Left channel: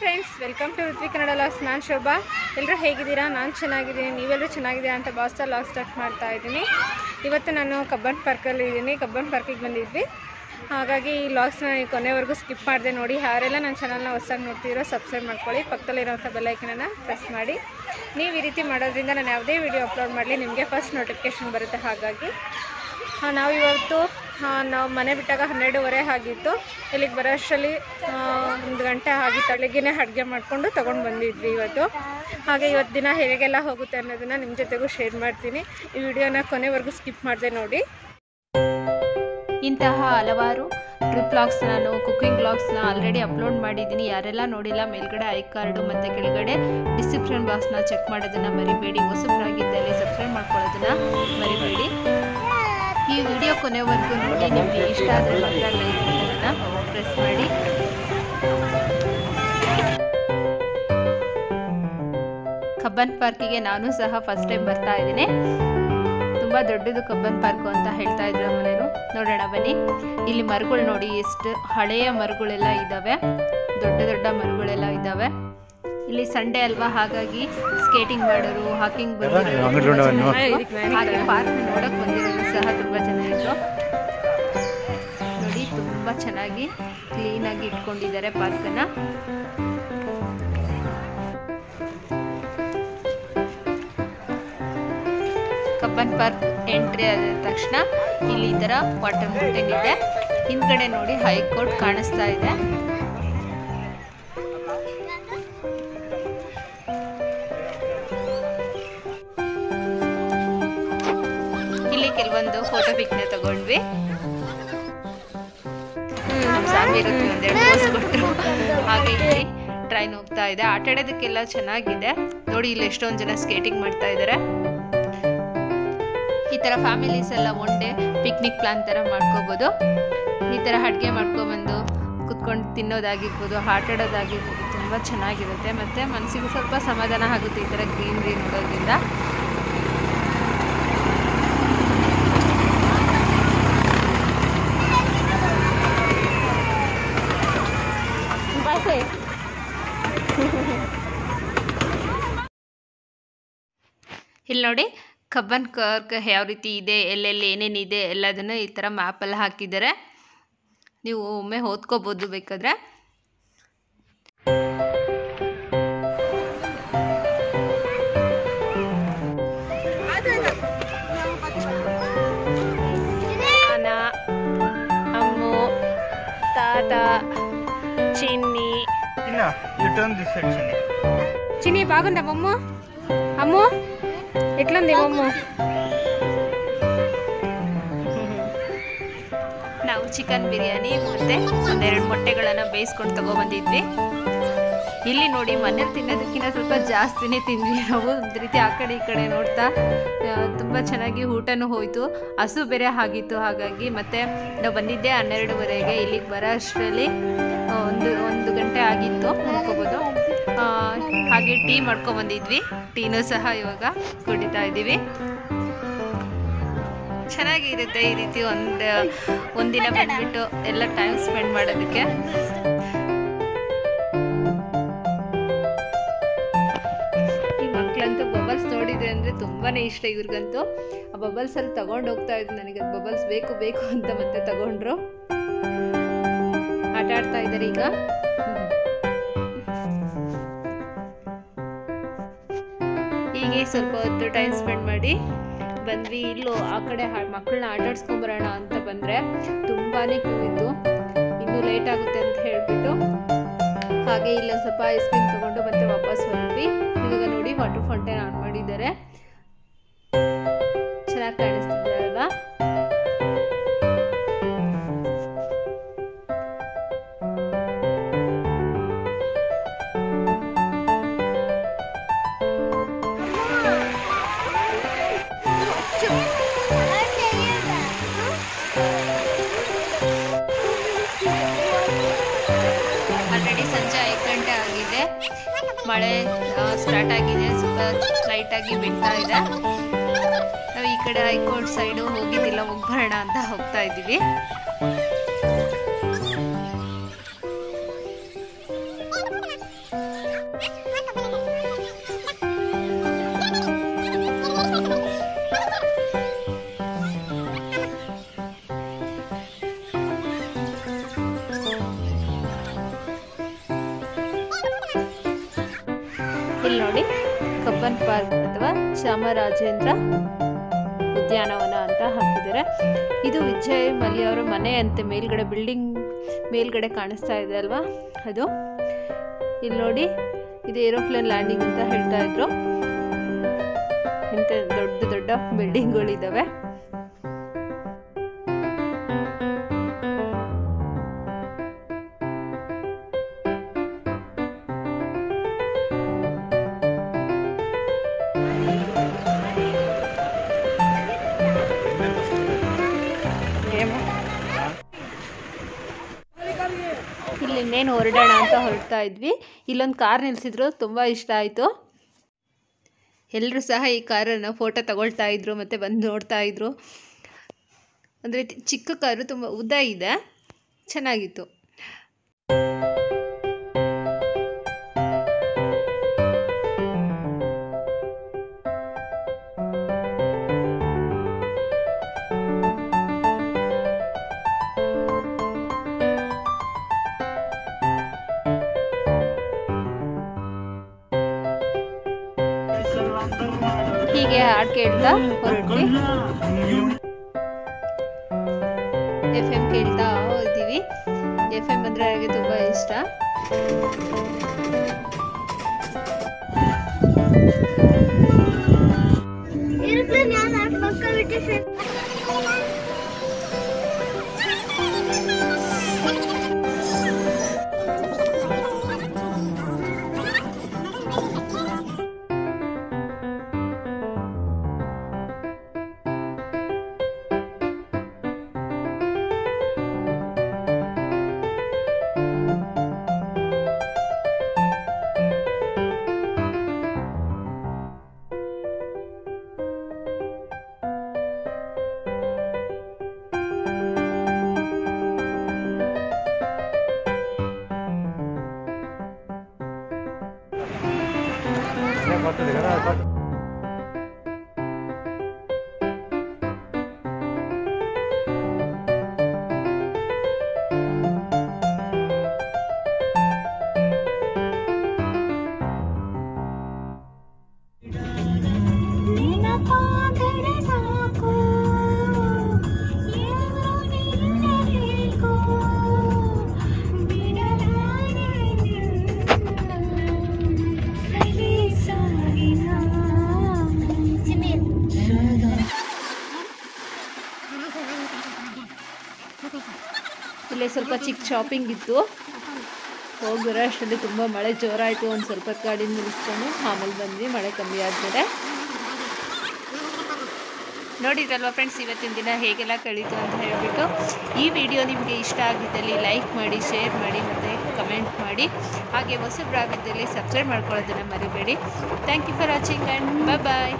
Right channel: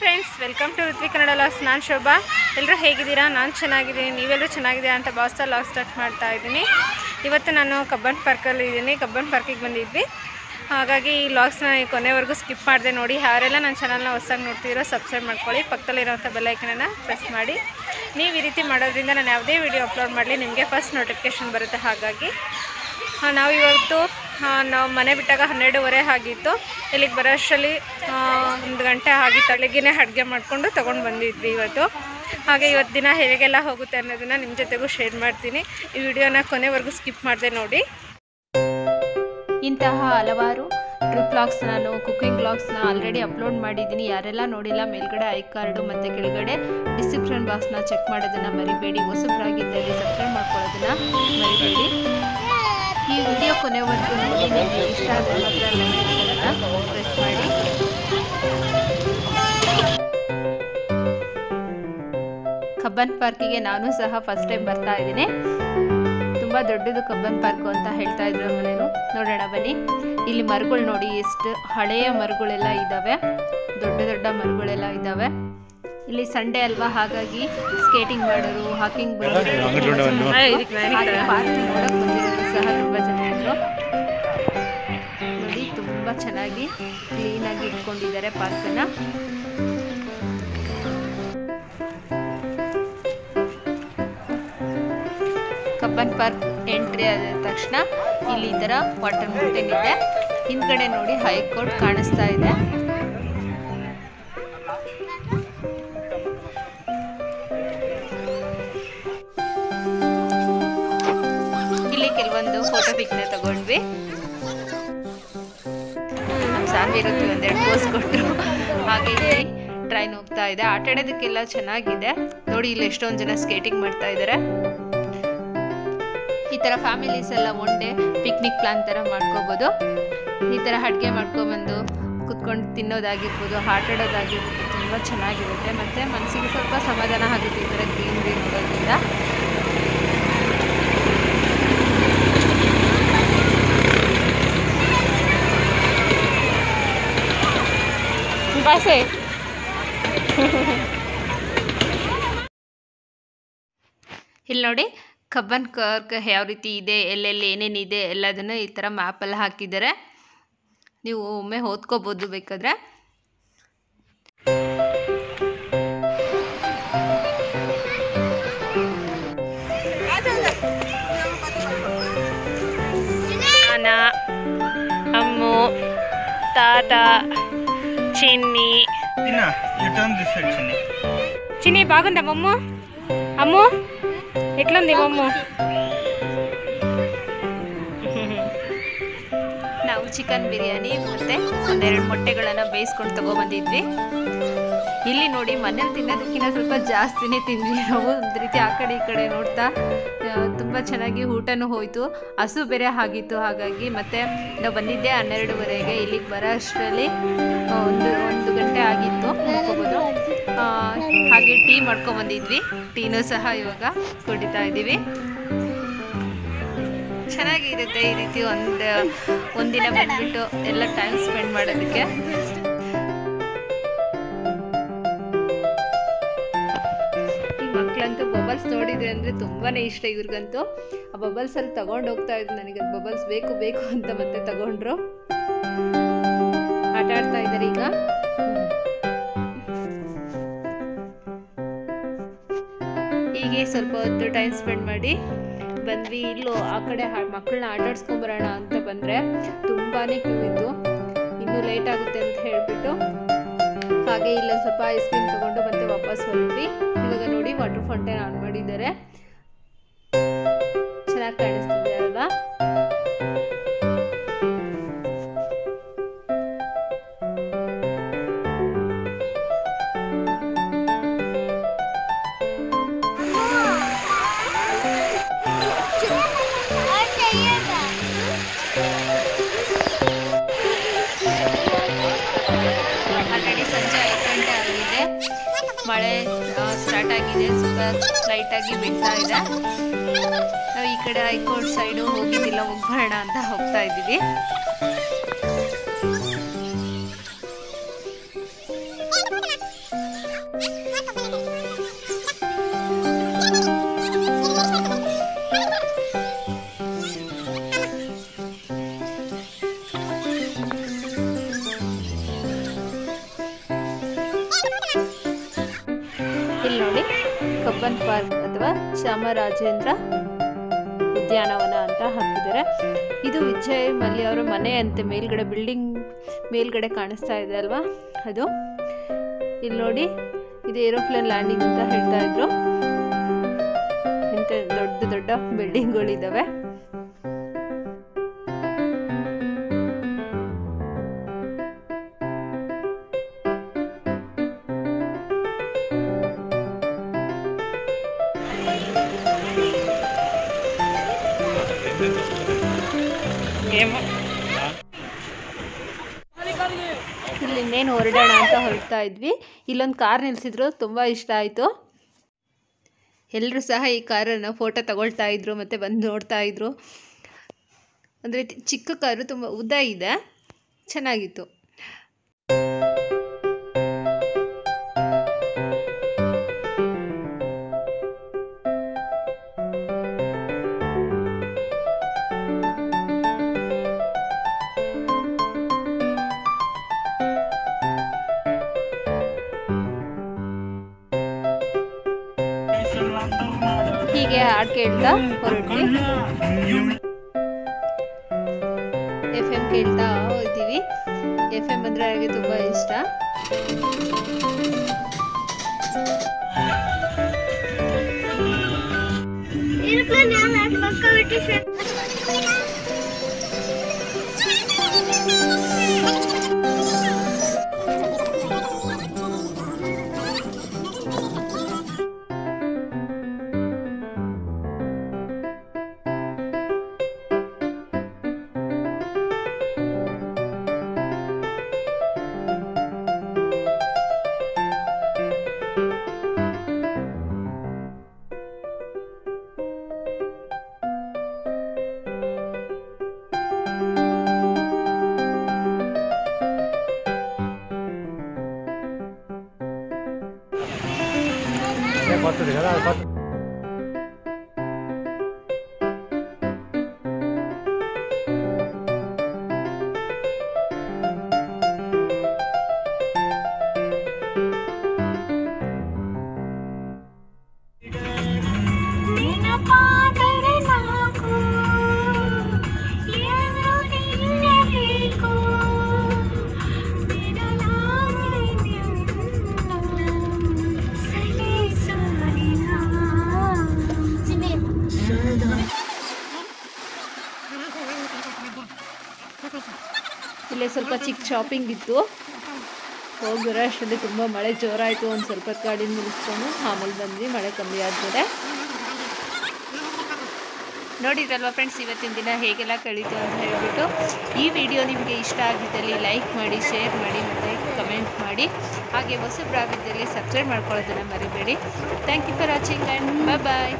Friends, welcome to Rithvik Kannada logs. ನಾನು ಶೋಭಾ. ಎಲ್ಲರೂ ಹೇಗಿದ್ದೀರಾ? ನಾನು ಚೆನ್ನಾಗಿದ್ದೀನಿ, ನೀವೆಲ್ಲರೂ ಚೆನ್ನಾಗಿದ್ದೀರಾ ಅಂತ ಭಾವಿಸ್ತಾ ಲಾಗ್ ಸ್ಟಾರ್ಟ್ ಮಾಡ್ತಾ ಇದ್ದೀನಿ. ಇವತ್ತು ನಾನು ಕಬ್ಬನ್ ಪಾರ್ಕಲ್ಲಿ ಇದ್ದೀನಿ. ಕಬ್ಬನ್ ಪಾರ್ಕಿಗೆ ಬಂದಿದ್ವಿ, ಹಾಗಾಗಿ ಈ ಲಾಗ್ಸ್ನ ಕೊನೆವರೆಗೂ ಸ್ಕಿಪ್ ಮಾಡಿದೆ ನೋಡಿ. ಯಾರೆಲ್ಲ ನನ್ನ ಚಾನಲ್ನ ಹೊಸದಾಗಿ ನೋಡ್ತಿದ್ದೀರೋ ಸಬ್ಸ್ಕ್ರೈಬ್ ಮಾಡ್ಕೊಳ್ಳಿ, ಪಕ್ಕದಲ್ಲಿರೋಂಥ ಬೆಲ್ಲೈಕನನ್ನು ಪ್ರೆಸ್ ಮಾಡಿ. ನೀವು ಈ ರೀತಿ ಮಾಡೋದ್ರಿಂದ ನಾನು ಯಾವುದೇ ವಿಡಿಯೋ ಅಪ್ಲೋಡ್ ಮಾಡಲಿ ನಿಮಗೆ ಫಸ್ಟ್ ನೋಟಿಫಿಕೇಷನ್ ಬರುತ್ತೆ. ಹಾಗಾಗಿ ನಾವು ಇವತ್ತು ನಾವು ಮನೆ ಬಿಟ್ಟಾಗ 12:30 ಆಗಿತ್ತು. ಇಲ್ಲಿಗೆ ಬರೋ ಅಷ್ಟರಲ್ಲಿ 1 ಗಂಟೆ ಆಗಿತ್ತು. ಅಲ್ಲಿಗೆ ಅಡುಗೆ ಮಾಡಿಕೊಂಡು ತೊಗೊಂಡು ಬಂದಿದ್ವಿ ಇವತ್ತು. ಹಾಗೆ ಇವತ್ತು ದಿನ ಹೇಗೆಲ್ಲ ಹೋಗುತ್ತೆ ಅನ್ನೋದನ್ನು ನಿಮ್ಮ ಜೊತೆಗೂ ಶೇರ್ ಮಾಡ್ತೀನಿ. ಈ ವಿಡಿಯೋನ ಕೊನೆವರೆಗೂ ಸ್ಕಿಪ್ ಮಾಡಿದೆ ನೋಡಿ. ಇಂತಹ ಹಲವಾರು ಟ್ರಿಪ್ ವ್ಲಾಗ್ಸ್, ನಾನು ಕುಕ್ಕಿಂಗ್ ವ್ಲಾಗ್ಸ್ನ ಆಲ್ರೆಡಿ ಅಪ್ಲೋಡ್ ಮಾಡಿದ್ದೀನಿ. ಯಾರೆಲ್ಲ ನೋಡಿಲ್ಲ, ಮೇಲ್ಗಡೆ ಐ ಕಾರ್ಡು ಮತ್ತು ಕೆಳಗಡೆ ಡಿಸ್ಕ್ರಿಪ್ಷನ್ ಬಾಕ್ಸ್ನ ಚೆಕ್ ಮಾಡೋದನ್ನು ಮರಿಬೇಡಿ. ಹೊಸಬ್ರಾಗಿದ್ದಲ್ಲಿ ಸಬ್ಸ್ಕ್ರೈಬ್ ಮಾಡ್ಕೊಳ್ಳೋದನ್ನು ಮರಿಬೇಡಿ. ಈ ವಿಡಿಯೋ ಕೊನೆವರೆಗೂ ನೋಡಿ. ನಿಮಗೆ ಇಷ್ಟ ಆದರೆ ಮಾತ್ರ ಲೈಕ್ ಬಟನನ್ನು ಪ್ರೆಸ್ ಮಾಡಿ. ಕಬ್ಬನ್ ಪಾರ್ಕಿಗೆ ನಾನು ಸಹ ಫಸ್ಟ್ ಟೈಮ್ ಬರ್ತಾ ಇದ್ದೀನಿ. ತುಂಬ ದೊಡ್ಡದು ಕಬ್ಬನ್ ಪಾರ್ಕು ಅಂತ ಹೇಳ್ತಾ ಇದ್ರು ಮನೇನು. ನೋಡೋಣ ಬನ್ನಿ. ಇಲ್ಲಿ ಮರಗಳು ನೋಡಿ, ಎಷ್ಟು ಹಳೆಯ ಮರಗಳೆಲ್ಲ ಇದ್ದಾವೆ, ದೊಡ್ಡ ದೊಡ್ಡ ಮರಗಳೆಲ್ಲ ಇದ್ದಾವೆ. ಇಲ್ಲಿ ಸಂಡೇ ಅಲ್ವಾ, ಹಾಗಾಗಿ ಸ್ಕೇಟಿಂಗ್ ಮಾಡೋರು, ಹಾಕಿಂಗ್ ಬಂದಿರೋರು ತುಂಬ ಜನ ಇದ್ರು. ಹಾಗೆ ಪಾರ್ಕ್ ನೋಡೋಕೆ ಬಂದಿರೋರು ಸಹ ತುಂಬ ಜನ ಇದ್ರು ನೋಡಿ. ತುಂಬ ಚೆನ್ನಾಗಿ ಕ್ಲೀನಾಗಿ ಇಟ್ಕೊಂಡಿದ್ದಾರೆ ಪಾರ್ಕನ್ನು. ಕಬ್ಬನ್ ಪಾರ್ಕ್ ಎಂಟ್ರಿ ಆದ ತಕ್ಷಣ ಇಲ್ಲಿ ಈ ಥರ ವಾಟರ್ ಫೌಂಟೇನ್ ಇದೆ. ಹಿಂದ್ಗಡೆ ನೋಡಿ ಹೈಕೋರ್ಟ್ ಕಾಣಿಸ್ತಾ ಇದೆ. ಇಲ್ಲಿ ಕೆಲವೊಂದು ಫೋಟೋ ಪಿಕ್ನ ತಗೊಂಡ್ವಿ. ನಮ್ಮ ಸಾನ್ವಿ ಇರುತ್ತೆ, ಒಂದೆರಡು ಪೋಸ್ ಕೊಟ್ಟರು. ಹಾಗೆ ಇಲ್ಲಿ ಟ್ರೈನ್ ಹೋಗ್ತಾ ಇದೆ. ಆಟ ಆಡೋದಕ್ಕೆಲ್ಲ ಚೆನ್ನಾಗಿದೆ ನೋಡಿ. ಇಲ್ಲಿ ಎಷ್ಟೊಂದು ಜನ ಸ್ಕೇಟಿಂಗ್ ಮಾಡ್ತಾ ಇದ್ದಾರೆ. ಈ ಥರ ಫ್ಯಾಮಿಲೀಸ್ ಎಲ್ಲ ಒನ್ ಡೇ ಪಿಕ್ನಿಕ್ ಪ್ಲಾನ್ ಥರ ಮಾಡ್ಕೋಬೋದು. ಈ ಥರ ಅಡುಗೆ ಮಾಡ್ಕೊಬಂದು ಕುತ್ಕೊಂಡು ತಿನ್ನೋದಾಗಿರ್ಬೋದು, ಆಟ ಆಡೋದಾಗಿರ್ಬೋದು, ತುಂಬ ಚೆನ್ನಾಗಿರುತ್ತೆ. ಮತ್ತು ಮನಸ್ಸಿಗೆ ಸ್ವಲ್ಪ ಸಮಾಧಾನ ಆಗುತ್ತೆ ಈ ಥರ ಗ್ರೀನ್ರಿ ನೋಡೋದ್ರಿಂದ. ಇಲ್ಲಿ ನೋಡಿ ಕಬ್ಬನ್ ಪಾರ್ಕ್ ಯಾವ ರೀತಿ ಇದೆ, ಎಲ್ಲೆಲ್ಲಿ ಏನೇನಿದೆ ಎಲ್ಲದನ್ನು ಈ ಥರ ಮ್ಯಾಪಲ್ಲಿ ಹಾಕಿದ್ದಾರೆ. ನೀವು ಒಮ್ಮೆ ಓದ್ಕೋಬೋದು ಬೇಕಾದರೆ. ನಾನ, ಅಮ್ಮು, ತಾತ, చిన్ని చిన్ని బాగుందా మమ్ము? అమ్ము ఎట్లుంది మమ్ము? ನಾವು ಚಿಕನ್ ಬಿರಿಯಾನಿ ಮತ್ತು ಒಂದೆರಡು ಮೊಟ್ಟೆಗಳನ್ನು ಬೇಯಿಸ್ಕೊಂಡು ತೊಗೊಬಂದಿದ್ವಿ. ಇಲ್ಲಿ ನೋಡಿ, ಮನೇಲಿ ತಿನ್ನೋದಕ್ಕಿಂತ ಸ್ವಲ್ಪ ಜಾಸ್ತಿನೇ ತಿಂದ್ವಿ ನಾವು. ಒಂದು ರೀತಿ ಆ ಕಡೆ ಈ ಕಡೆ ನೋಡ್ತಾ ತುಂಬ ಚೆನ್ನಾಗಿ ಊಟನೂ ಹೋಯಿತು. ಹಸು ಬೇರೆ ಆಗಿತ್ತು, ಹಾಗಾಗಿ ಮತ್ತು ನಾವು ಬಂದಿದ್ದೆ 12:30. ಇಲ್ಲಿಗೆ ಬರೋ ಅಷ್ಟರಲ್ಲಿ ಒಂದು ಗಂಟೆ ಆಗಿತ್ತು ಅನ್ಕೋಬೋದು. ಹಾಗೆ ಟೀ ಮಾಡ್ಕೊಬಂದಿದ್ವಿ. ಟೀನೂ ಸಹ ಇವಾಗ ಕುಡಿತಾ ಇದ್ದೀವಿ. ಚೆನ್ನಾಗಿರುತ್ತೆ ಈ ರೀತಿ ಒಂದಿನ ಬಂದ್ಬಿಟ್ಟು ಎಲ್ಲ ಟೈಮ್ ಸ್ಪೆಂಡ್ ಮಾಡೋದಕ್ಕೆ. ಈ ಮಕ್ಕಳಂತೂ ಬಬಲ್ಸ್ ನೋಡಿದ್ರೆ ಅಂದರೆ ತುಂಬಾ ಇಷ್ಟ ಇವ್ರಿಗಂತೂ. ಆ ಬಬಲ್ಸಲ್ಲಿ ತಗೊಂಡು ಹೋಗ್ತಾ ಇದ್ರು. ನನಗೆ ಅದು ಬಬಲ್ಸ್ ಬೇಕು ಬೇಕು ಅಂತ ಮತ್ತೆ ತಗೊಂಡ್ರು. ಆಟ ಆಡ್ತಾ ಇದ್ದಾರೆ ಈಗ. ಹೀಗೆ ಸ್ವಲ್ಪ ಹೊತ್ತು ಟೈಮ್ ಸ್ಪೆಂಡ್ ಮಾಡಿ ಬಂದ್ವಿ. ಇಲ್ಲೂ ಆ ಕಡೆ ಮಕ್ಕಳನ್ನ ಆಟ ಆಡ್ಸ್ಕೊಂಬರೋಣ ಅಂತ ಬಂದರೆ ತುಂಬಾ ಕ್ಯೂ ಇತ್ತು. ಇನ್ನೂ ಲೇಟ್ ಆಗುತ್ತೆ ಅಂತ ಹೇಳಿಬಿಟ್ಟು ಹಾಗೆ ಇಲ್ಲ ಸ್ವಲ್ಪ ಐಸ್ ಕ್ರೀಮ್ ತೊಗೊಂಡು ಮತ್ತೆ ವಾಪಸ್ ಹೊರಟ್ವಿ. ಇವಾಗ ನೋಡಿ ವಾಟರ್ ಫೌಂಟೇನ್ ಆನ್ ಮಾಡಿದ್ದಾರೆ. ಚೆನ್ನಾಗಿ ಕಾಣಿಸ್ತಿದೆ ಅಲ್ವಾ? ಆಲ್ರೆಡಿ ಸಂಜೆ 5 ಗಂಟೆ ಆಗಿದೆ. ಮಳೆ ಸ್ಟಾರ್ಟ್ ಆಗಿದೆ, ಸ್ವಲ್ಪ ಲೈಟಾಗಿ ಬೀಳ್ತಾ ಇದೆ. ನಾವು ಈ ಕಡೆ ಹೈಕೋರ್ಟ್ ಸೈಡು ಹೋಗಿದ್ದಿಲ್ಲ, ಹೋಗ್ಬರೋಣ ಅಂತ ಹೋಗ್ತಾ ಇದ್ದೀವಿ. ಇಲ್ಲಿ ನೋಡಿ ಕಬ್ಬನ್ ಪಾರ್ಕ್ ಅಥವಾ ಚಾಮರಾಜೇಂದ್ರ ಉದ್ಯಾನವನ ಅಂತ ಹಾಕಿದ್ದಾರೆ. ಇದು ವಿಜಯ್ ಮಲ್ಯ ಅವರ ಮನೆ ಅಂತೆ. ಮೇಲ್ಗಡೆ ಬಿಲ್ಡಿಂಗ್ ಮೇಲ್ಗಡೆ ಕಾಣಿಸ್ತಾ ಇದೆ ಅಲ್ವಾ ಅದು. ಇಲ್ಲಿ ನೋಡಿ ಇದು ಏರೋಪ್ಲೇನ್ ಲ್ಯಾಂಡಿಂಗ್ ಅಂತ ಹೇಳ್ತಾ ಇದ್ರು. ಇಂಥ ದೊಡ್ಡ ದೊಡ್ಡ ಬಿಲ್ಡಿಂಗ್ಗಳಿದ್ದಾವೆ. ಇಲ್ಲಿ ಇನ್ನೇನು ಹೊರಡೋಣ ಅಂತ ಹೊರಡ್ತಾ ಇದ್ವಿ. ಇಲ್ಲೊಂದು ಕಾರ್ ನಿಲ್ಲಿಸಿದ್ರು, ತುಂಬ ಇಷ್ಟ ಆಯಿತು. ಎಲ್ಲರೂ ಸಹ ಈ ಕಾರನ್ನು ಫೋಟೋ ತಗೊಳ್ತಾ ಇದ್ರು ಮತ್ತು ಬಂದು ನೋಡ್ತಾ ಇದ್ರು. ಅಂದರೆ ಚಿಕ್ಕ ಕಾರು, ತುಂಬ ಉದ್ದ ಇದೆ, ಚೆನ್ನಾಗಿತ್ತು. ಹೀಗೆ ಹಾಡು ಕೇಳ್ತಾ ಹೊರಟ್ವಿ. FM ಕೇಳ್ತಾ ಇದ್ದೀವಿ. FM ಅಂದರೆ ನನಗೆ ತುಂಬ ಇಷ್ಟ. ಇಲ್ಲೇ ಸ್ವಲ್ಪ ಚಿಕ್ಕ ಶಾಪಿಂಗ್ ಇತ್ತು. ಹೋಗಿರೋ ಅಷ್ಟರಲ್ಲಿ ತುಂಬ ಮಳೆ ಜೋರಾಯಿತು. ಒಂದು ಸ್ವಲ್ಪ ಗಾಡಿ ನಿಲ್ಲಿಸ್ಕೊಂಡು ಆಮೇಲೆ ಬಂದ್ವಿ, ಮಳೆ ಕಮ್ಮಿ ಆದಮೇಲೆ. ನೋಡಿದ್ರಲ್ವ ಫ್ರೆಂಡ್ಸ್, ಇವತ್ತಿನ ದಿನ ಹೇಗೆಲ್ಲ ಕಳೀತು ಅಂತ ಹೇಳಿಬಿಟ್ಟು. ಈ ವಿಡಿಯೋ ನಿಮಗೆ ಇಷ್ಟ ಆಗಿದ್ದಲ್ಲಿ ಲೈಕ್ ಮಾಡಿ, ಶೇರ್ ಮಾಡಿ ಮತ್ತು ಕಮೆಂಟ್ ಮಾಡಿ. ಹಾಗೆ ಹೊಸಬ್ರಾಗಿದ್ದಲ್ಲಿ ಸಬ್ಸ್ಕ್ರೈಬ್ ಮಾಡ್ಕೊಳ್ಳೋದನ್ನು ಮರಿಬೇಡಿ. Thank you for watching and bye.